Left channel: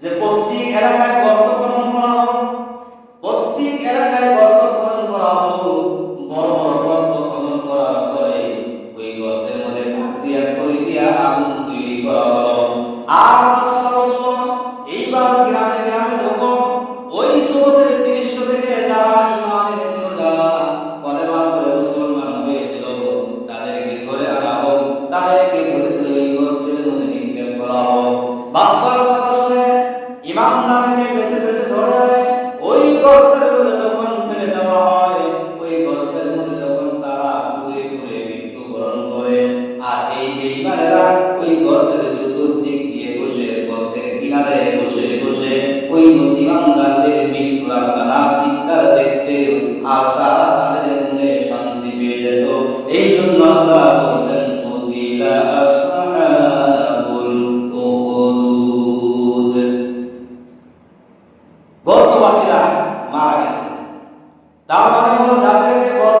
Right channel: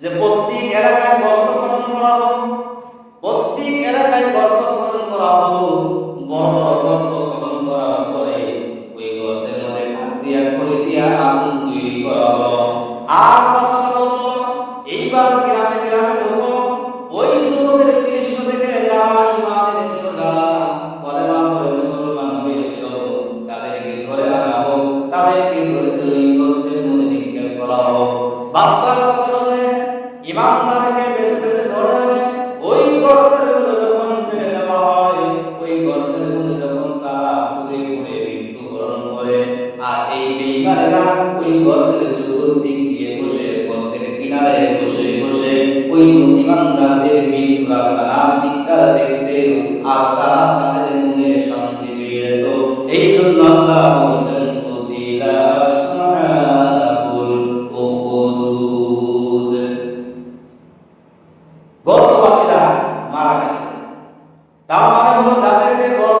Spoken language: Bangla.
যে প্রত্যেক এলাকায় গর্ত খনন করা হোক, প্রত্যেক এলাকায় গর্ত খনন করা হোক, বড় বড় গর্ত খনন করার পরে ওই গর্তের মধ্যে কাঠ দিয়া খড়ি দিয়া আগুন তৈরি করা হলো। আর বাদশা বলল, এইবার গ্রামে গ্রামে ঢোকো, ওই যুবকদের দৃশ্য দেখে যারা ঈমান এনেছিল, যারা কলেমা পড়ে মুসলমান হয়েছিল, তাদেরকে ধরে আনা হোক, তাদেরকে ধরে ধরে ওই গর্তের মধ্যে নিক্ষেপ করা হোক। বাদশার কথা শুনে ঈমানদারকে বেছে বেছে ধরে ওই গর্তের মধ্যে যখন ফেলে দেওয়া হয়, ওই গর্তের মধ্যে যখন তারা পুড়ে পুড়ে মৃত্যুবরণ করে, আর এই বেঈমানেরা ওই গর্তের চতুর্দিক দিয়ে বসে, গর্তের কিনারে বসে বসে ওই মুসলমানদের মৃত্যুর তারা চিৎকার দেখতে, আর তারা তাদের মনে শান্তি পেয়ে যেত। এই জন্য আল্লাহ বলেছেন, কুতিলা আসহাবুল উখদুদ, গর্তবাসীরা মারা গেছে। তার মানে